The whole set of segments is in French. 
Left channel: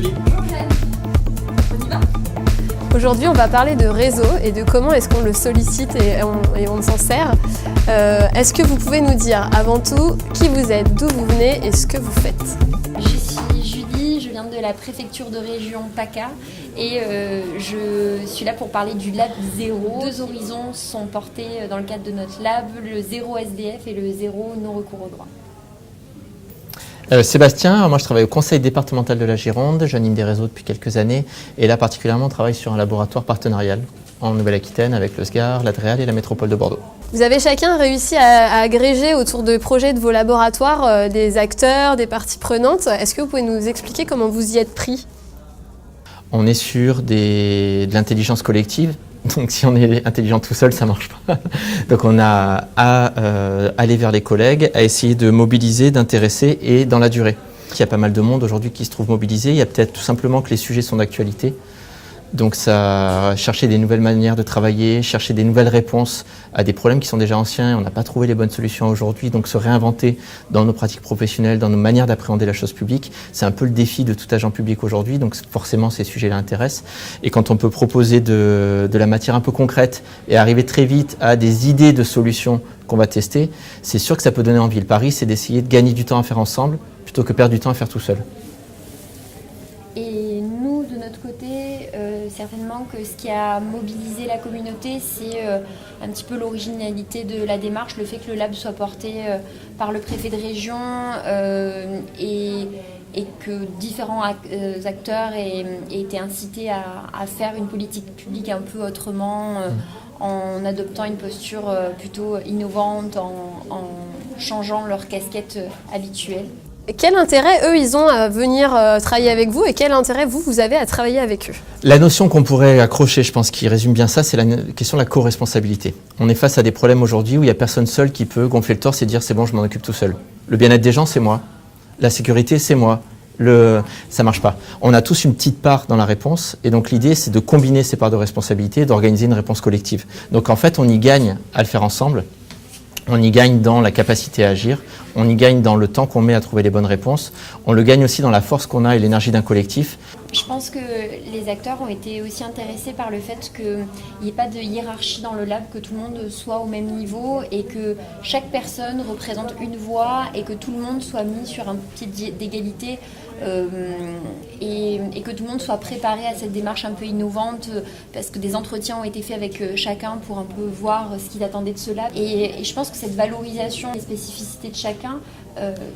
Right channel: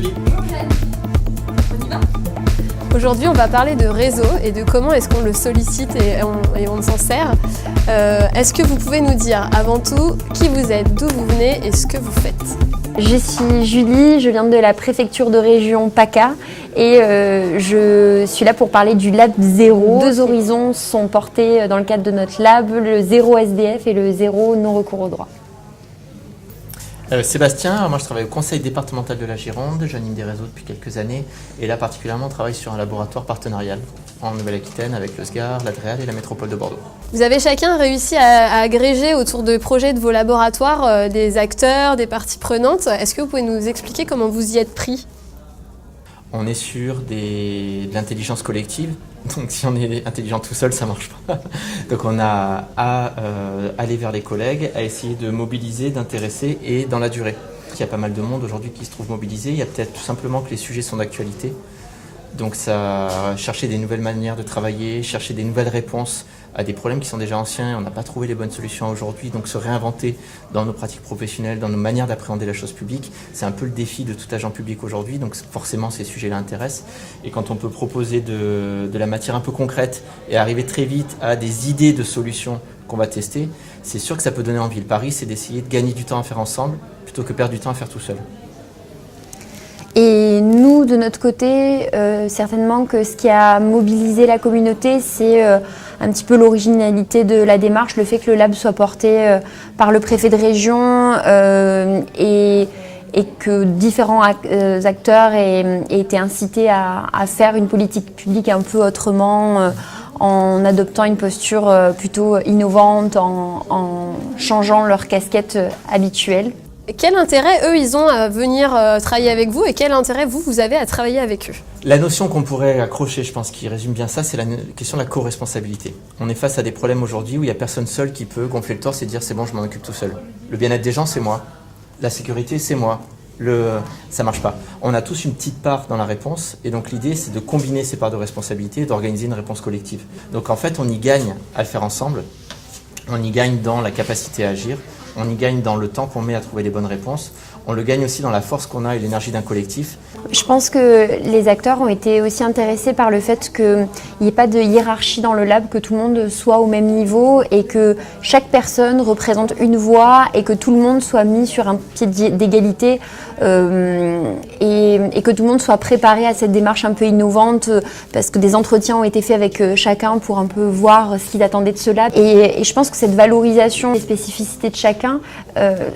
Julie. On y va ? Aujourd'hui, on va parler de réseau et de comment est-ce qu'on le sollicite et on s'en sert. Est-ce que vous pouvez nous dire avant tout qui vous êtes, d'où vous venez et ce que vous faites ? Je suis Julie, je viens de la préfecture de région PACA et je suis là pour parler du Lab Zéro. 2 horizons sont portés dans le cadre de notre lab, le zéro SDF et le zéro non-recours au droit. Sébastien, moi je travaille au conseil départemental de la Gironde, j'anime des réseaux depuis quelques années et là particulièrement on travaille sur un laboratoire partenarial en Nouvelle-Aquitaine avec le SGAR, l'Adréal et la métropole de Bordeaux. Vous avez chacun réussi à agréger autour de projets de vos laboratoires des acteurs, des parties prenantes. Est-ce que vous pouvez nous expliquer comment vous y êtes pris ? On est sur de l'intelligence collective, donc si on est intelligent tout seul, ça ne marche pas. Donc on a à aller vers les collègues, à essayer de mobiliser, d'intéresser et dans la durée. Il y a pas mal de monde aujourd'hui qui se trouve mobilisé, il y a peut-être tout simplement que les sujets sont d'actualité. Donc ça, chercher des nouvelles manières de travailler, chercher des nouvelles réponses à des problèmes qui sont déjà anciens, on n'a pas trouvé les bonnes solutions aujourd'hui, donc se réinventer dans nos pratiques professionnelles, dans nos manières d'appréhender la chose publique, c'est un peu le défi de tout agent public aujourd'hui, donc forcément ces sujets l'intéressent. Et quand on peut proposer de la matière un peu concrète et arriver très vite à des idées de solutions qu'on va tester, c'est sûr que ça peut donner envie. Le pari, c'est d'essayer de gagner du temps à faire ensemble plutôt que perdre du temps à faire tout seul. Et nous, de notre côté, certainement que ce qui a mobilisé la communauté, c'est un petit peu l'originalité de la démarche, le fait que le lab soit porté par le préfet de région et que différents acteurs aient été incités à faire une politique publique un peu autrement, en adoptant une posture plutôt innovante, en changeant leur casquette habituelle. Quel intérêt, eux, ils ont à venir travailler avec vous et quel intérêt, vous avez à travailler avec eux ? La notion qu'on pourrait accrocher, je pense, qui résume bien ça, c'est la question de la co-responsabilité. On est face à des problèmes aujourd'hui où il n'y a personne seul qui peut gonfler le torse et dire « c'est bon, je m'en occupe tout seul ». Le bien-être des gens, c'est moi. La sécurité, c'est moi. Ça marche pas. On a tous une petite part dans la réponse et donc l'idée, c'est de combiner ces parts de responsabilité et d'organiser une réponse collective. Donc en fait, on y gagne à le faire ensemble. On y gagne dans la capacité à agir, on y gagne dans le temps qu'on met à trouver les bonnes réponses, on le gagne aussi dans la force qu'on a et l'énergie d'un collectif. Je pense que les acteurs ont été aussi intéressés par le fait qu'il n'y ait pas de hiérarchie dans le lab, que tout le monde soit au même niveau et que chaque personne représente une voix et que tout le monde soit mis sur un pied d'égalité et que tout le monde soit préparé à cette démarche un peu innovante parce que des entretiens ont été faits avec chacun pour un peu voir ce qu'ils attendaient de ce lab. Et je pense que cette valorisation des spécificités de chacun,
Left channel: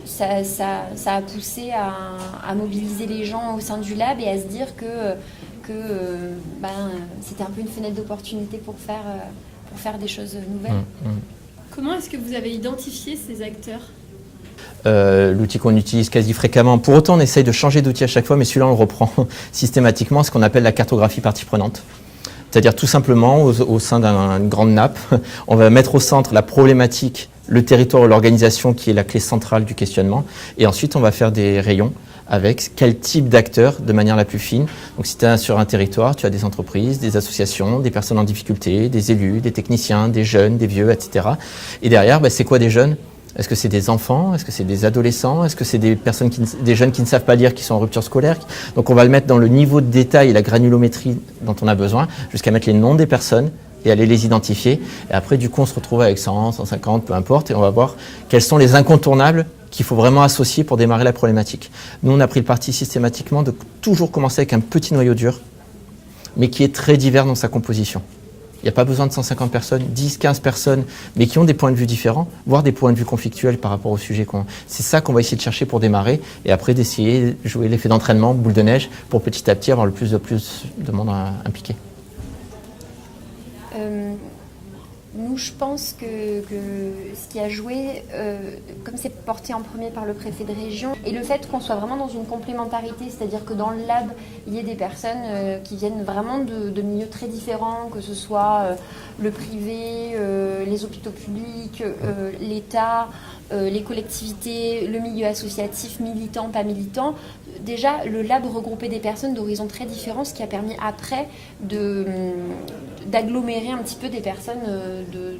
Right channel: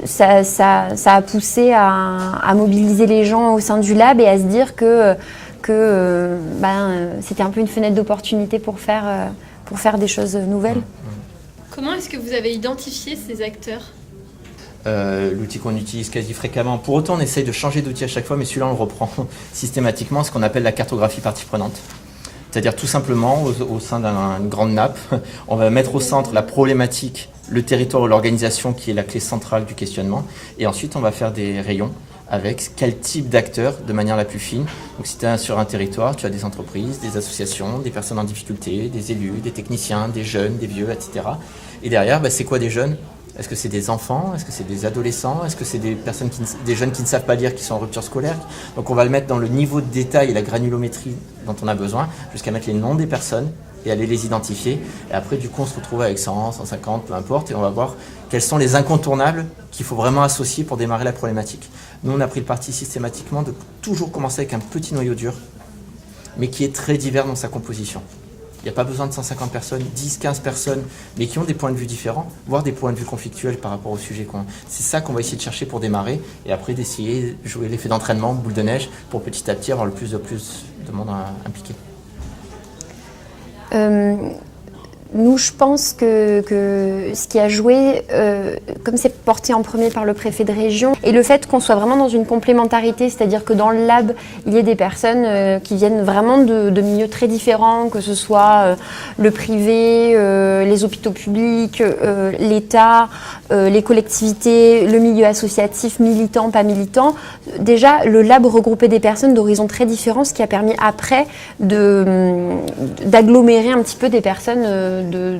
ça a poussé à mobiliser les gens au sein du lab et à se dire que c'était un peu une fenêtre d'opportunité pour faire des choses nouvelles. Comment est-ce que vous avez identifié ces acteurs ? L'outil qu'on utilise quasi fréquemment. Pour autant, on essaye de changer d'outil à chaque fois, mais celui-là, on le reprend systématiquement, ce qu'on appelle la cartographie partie prenante. C'est-à-dire tout simplement, au sein d'une grande nappe, on va mettre au centre la problématique, le territoire ou l'organisation qui est la clé centrale du questionnement. Et ensuite, on va faire des rayons avec quel type d'acteurs de manière la plus fine. Donc si tu es sur un territoire, tu as des entreprises, des associations, des personnes en difficulté, des élus, des techniciens, des jeunes, des vieux, etc. Et derrière, c'est quoi des jeunes ? Est-ce que c'est des enfants ? Est-ce que c'est des adolescents ? Est-ce que c'est des jeunes qui ne savent pas lire, qui sont en rupture scolaire ? Donc on va le mettre dans le niveau de détail et la granulométrie dont on a besoin, jusqu'à mettre les noms des personnes et aller les identifier. Et après, du coup, on se retrouve avec 100, 150, peu importe, et on va voir quels sont les incontournables qu'il faut vraiment associer pour démarrer la problématique. Nous, on a pris le parti systématiquement de toujours commencer avec un petit noyau dur, mais qui est très divers dans sa composition. Il n'y a pas besoin de 150 personnes, 10, 15 personnes, mais qui ont des points de vue différents, voire des points de vue conflictuels par rapport au sujet. C'est ça qu'on va essayer de chercher pour démarrer, et après d'essayer de jouer l'effet d'entraînement, boule de neige, pour petit à petit avoir le plus de monde impliqué. Nous, je pense que ce qui a joué, comme c'est porté en premier par le préfet de région, et le fait qu'on soit vraiment dans une complémentarité, c'est-à-dire que dans le lab, il y ait des personnes qui viennent vraiment de milieux très différents, que ce soit le privé, les hôpitaux publics, l'État, les collectivités, le milieu associatif, militant, pas militant. Déjà, le lab regroupait des personnes d'horizons très différents, ce qui a permis après d'agglomérer un petit peu des personnes de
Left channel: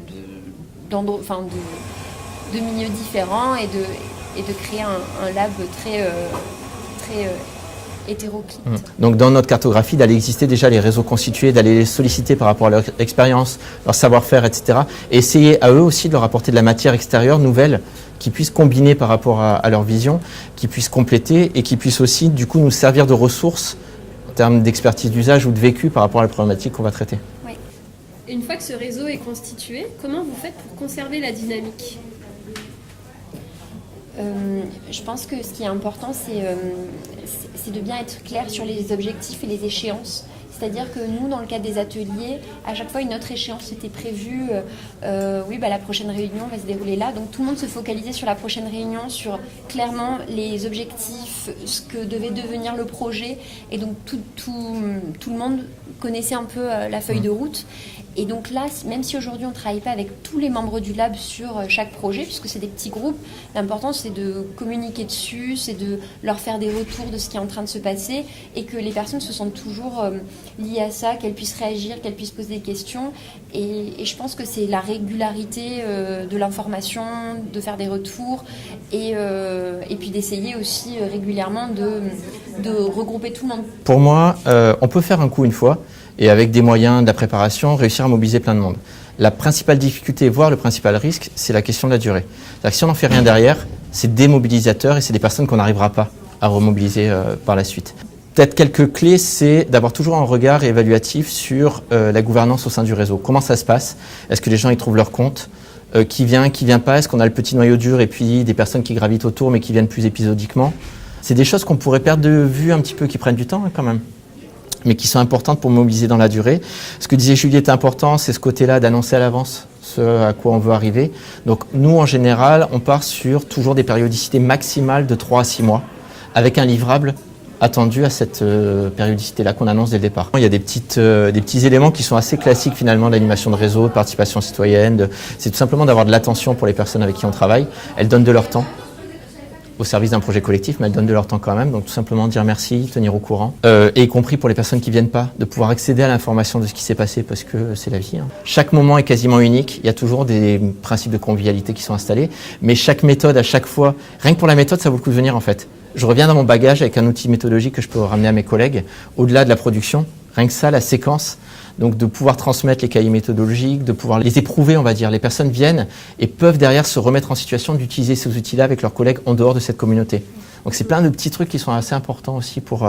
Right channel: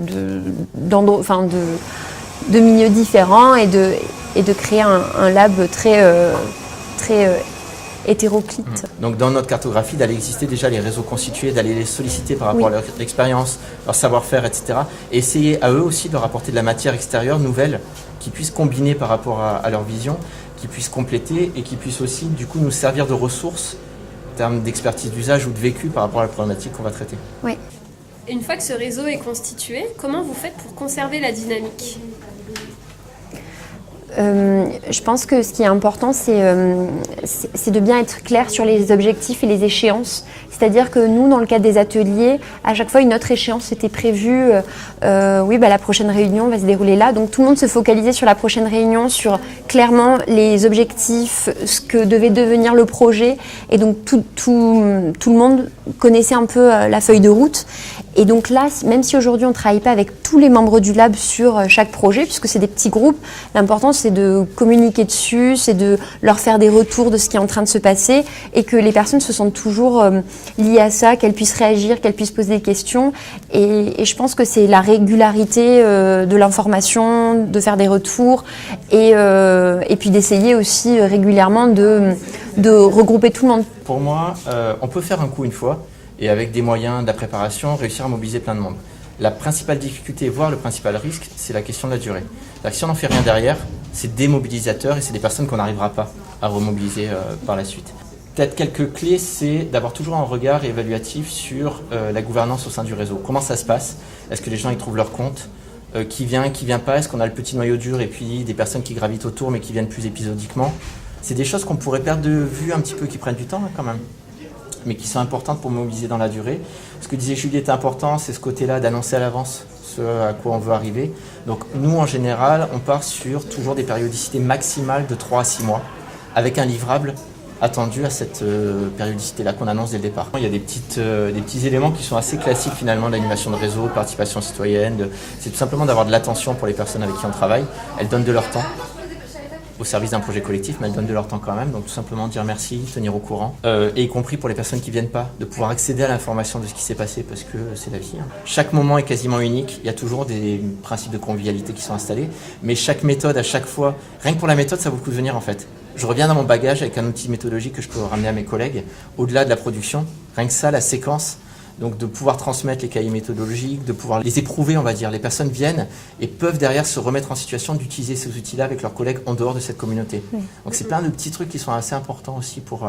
milieux différents et de créer un lab très hétéroclite. Donc dans notre cartographie, d'aller exister déjà les réseaux constitués, d'aller les solliciter par rapport à leur expérience, leur savoir-faire, etc. Et essayer à eux aussi de leur apporter de la matière extérieure nouvelle qui puisse combiner par rapport à leur vision, qui puisse compléter et qui puisse aussi du coup nous servir de ressources en termes d'expertise d'usage ou de vécu par rapport à la problématique qu'on va traiter. Oui. Une fois que ce réseau est constitué, comment vous faites pour conserver la dynamique ? Je pense que ce qui est important, c'est de bien être clair sur les objectifs et les échéances. C'est-à-dire que nous, dans le cadre des ateliers, à chaque fois, une autre échéance était prévue. La prochaine réunion va se dérouler là. Donc tout le monde se focalisait sur la prochaine réunion, sur clairement les objectifs, ce que devait devenir le projet. Et donc tout le monde connaissait un peu la feuille de route. Et donc là, même si aujourd'hui on ne travaille pas avec tous les membres du lab sur chaque projet, puisque c'est des petits groupes, l'important c'est de communiquer dessus, c'est de leur faire des retours de ce qui est en train de se passer et que les personnes se sentent toujours liées à ça, qu'elles puissent réagir, qu'elles puissent poser des questions. Et je pense que c'est la régularité de l'information, de faire des retours et puis d'essayer aussi régulièrement de regrouper tout le monde. Pour moi, on peut faire un coup une fois, et avec des moyens de la préparation, réussir à mobiliser plein de monde. La principale difficulté, voire le principal risque, c'est la question de la durée. Si on n'en fait rien derrière, c'est démobilisateur et c'est des personnes qu'on n'arrivera pas à remobiliser par la suite. Peut-être quelques clés, c'est d'avoir toujours un regard évaluatif sur la gouvernance au sein du réseau. Comment ça se passe ? Est-ce que les gens y trouvent leur compte ? Qui vient pas ? Est-ce qu'on a le petit noyau dur et puis des personnes qui gravitent autour mais qui viennent plus épisodiquement ? C'est des choses qu'on pourrait perdre de vue un petit peu, qui prennent du temps quand même, mais qui sont importantes pour mobiliser dans la durée. Ce que disait Julie est important, c'est ce côté-là d'annoncer à l'avance ce à quoi on veut arriver. Donc nous, en général, on part sur toujours des périodicités maximales de 3 à 6 mois, avec un livrable attendu à cette périodicité-là qu'on annonce dès le départ. Il y a des petits éléments qui sont assez classiques finalement d'animation de réseau, de participation citoyenne. C'est tout simplement d'avoir de l'attention pour les personnes avec qui on travaille. Elles donnent de leur temps au service d'un projet collectif, mais elles donnent de leur temps quand même. Donc tout simplement dire merci, tenir au courant. Et y compris pour les personnes qui ne viennent pas, de pouvoir accéder à l'information de ce qui s'est passé parce que c'est la vie. Chaque moment est quasiment unique. Il y a toujours des principes de convivialité qui sont installés. Mais chaque méthode, à chaque fois, rien que pour la méthode, ça vaut le coup de venir en fait. Je reviens dans mon bagage avec un outil méthodologique que je peux ramener à mes collègues. Au-delà de la production, rien que ça, la séquence. Donc de pouvoir transmettre les cahiers méthodologiques, de pouvoir les éprouver, on va dire. Les personnes viennent et peuvent derrière se remettre en situation d'utiliser ces outils-là avec leurs collègues en dehors de cette communauté. Donc c'est plein de petits trucs qui sont assez importants aussi pour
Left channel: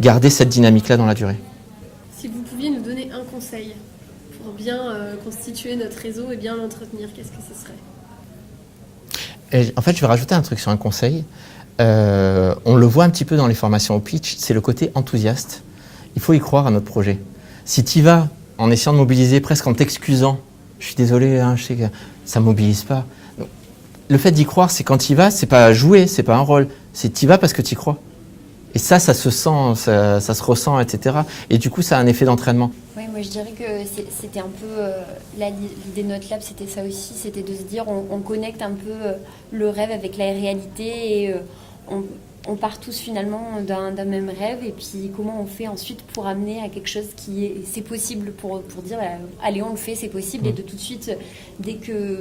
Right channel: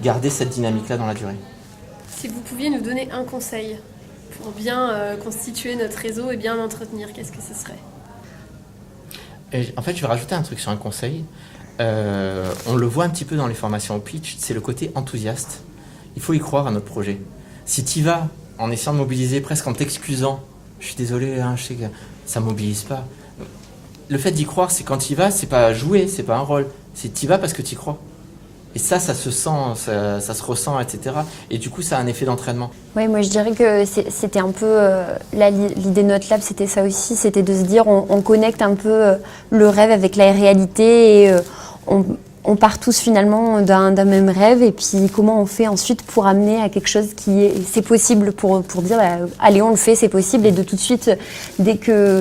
garder cette dynamique-là dans la durée. Si vous pouviez nous donner un conseil pour bien constituer notre réseau et bien l'entretenir, qu'est-ce que ce serait ? En fait, je vais rajouter un truc sur un conseil. On le voit un petit peu dans les formations au pitch, c'est le côté enthousiaste. Il faut y croire à notre projet. Si tu y vas en essayant de mobiliser presque en t'excusant, je suis désolé, je sais que ça ne mobilise pas. Le fait d'y croire, c'est quand tu y vas, c'est pas jouer, c'est pas un rôle, c'est tu y vas parce que tu y crois. Et ça se sent, ça se ressent, etc. Et du coup, ça a un effet d'entraînement. Oui, moi je dirais que c'était un peu, l'idée de notre lab, c'était ça aussi, c'était de se dire, on connecte un peu le rêve avec la réalité et on part tous finalement d'un même rêve et puis comment on fait ensuite pour amener à quelque chose c'est possible pour dire allez on le fait, c'est possible et de tout de suite dès que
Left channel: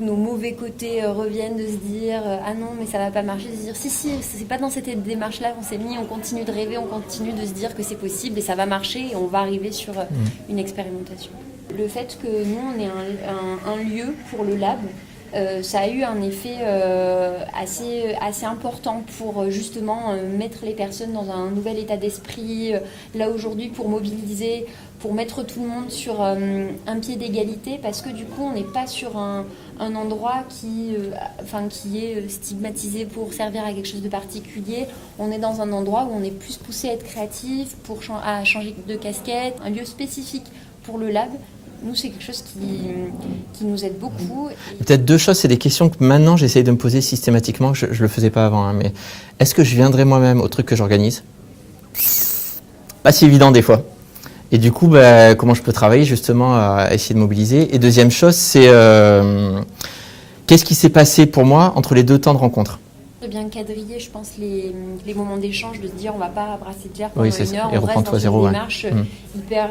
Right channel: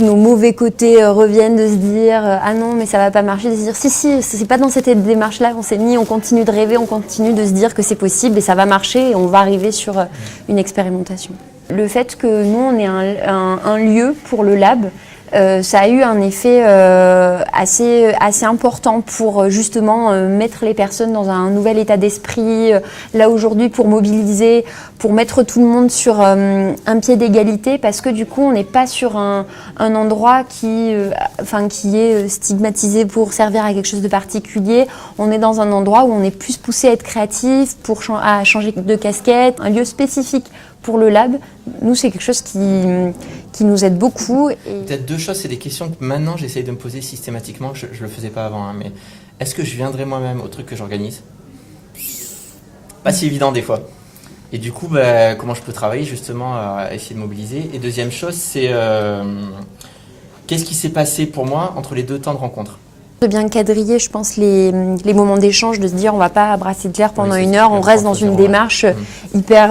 nos mauvais côtés reviennent de se dire ah non mais ça va pas marcher, de se dire si c'est pas dans cette démarche là qu'on s'est mis, on continue de rêver, on continue de se dire que c'est possible et ça va marcher et on va arriver sur une expérimentation. Le fait que nous on ait un lieu pour le lab, ça a eu un effet assez important pour justement mettre les personnes dans un nouvel état d'esprit. Là aujourd'hui pour mobiliser, pour mettre tout le monde sur un pied d'égalité parce que du coup on n'est pas sur un endroit qui est stigmatisé pour servir à quelque chose de particulier. On est dans un endroit où on est plus poussé à être créatif, à changer de casquette, un lieu spécifique pour le lab. Nous, c'est quelque chose qui nous aide beaucoup. Peut-être deux choses, c'est des questions que maintenant j'essaye de me poser systématiquement, je ne le faisais pas avant, mais est-ce que je viendrai moi-même au truc que j'organise ? Pas si évident des fois. Et du coup, comment je peux travailler justement à essayer de mobiliser ? Et deuxième chose, c'est qu'est-ce qui s'est passé pour moi entre les deux temps de rencontre ? De bien quadriller, je pense, les moments d'échange, de se dire on va pas brasser de l'air pendant Oui, une c'est heure, on reste dans reprendre une zéro, démarche ouais. hyper,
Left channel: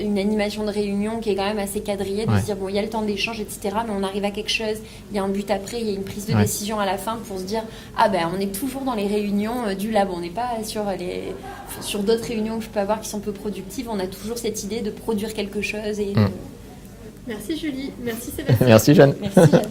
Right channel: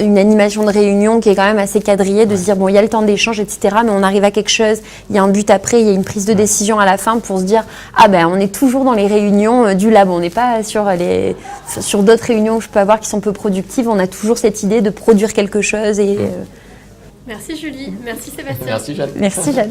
une animation de réunion qui est quand même assez quadrillée, de se dire bon il y a le temps d'échange, etc. Mais on arrive à quelque chose, il y a un but après, il y a une prise de décision à la fin pour se dire ah ben on est toujours dans les réunions du lab, on n'est pas sur d'autres réunions que je peux avoir qui sont peu productives, on a toujours cette idée de produire quelque chose et Merci Julie, merci Sébastien. Merci Jeanne. merci Jeanne.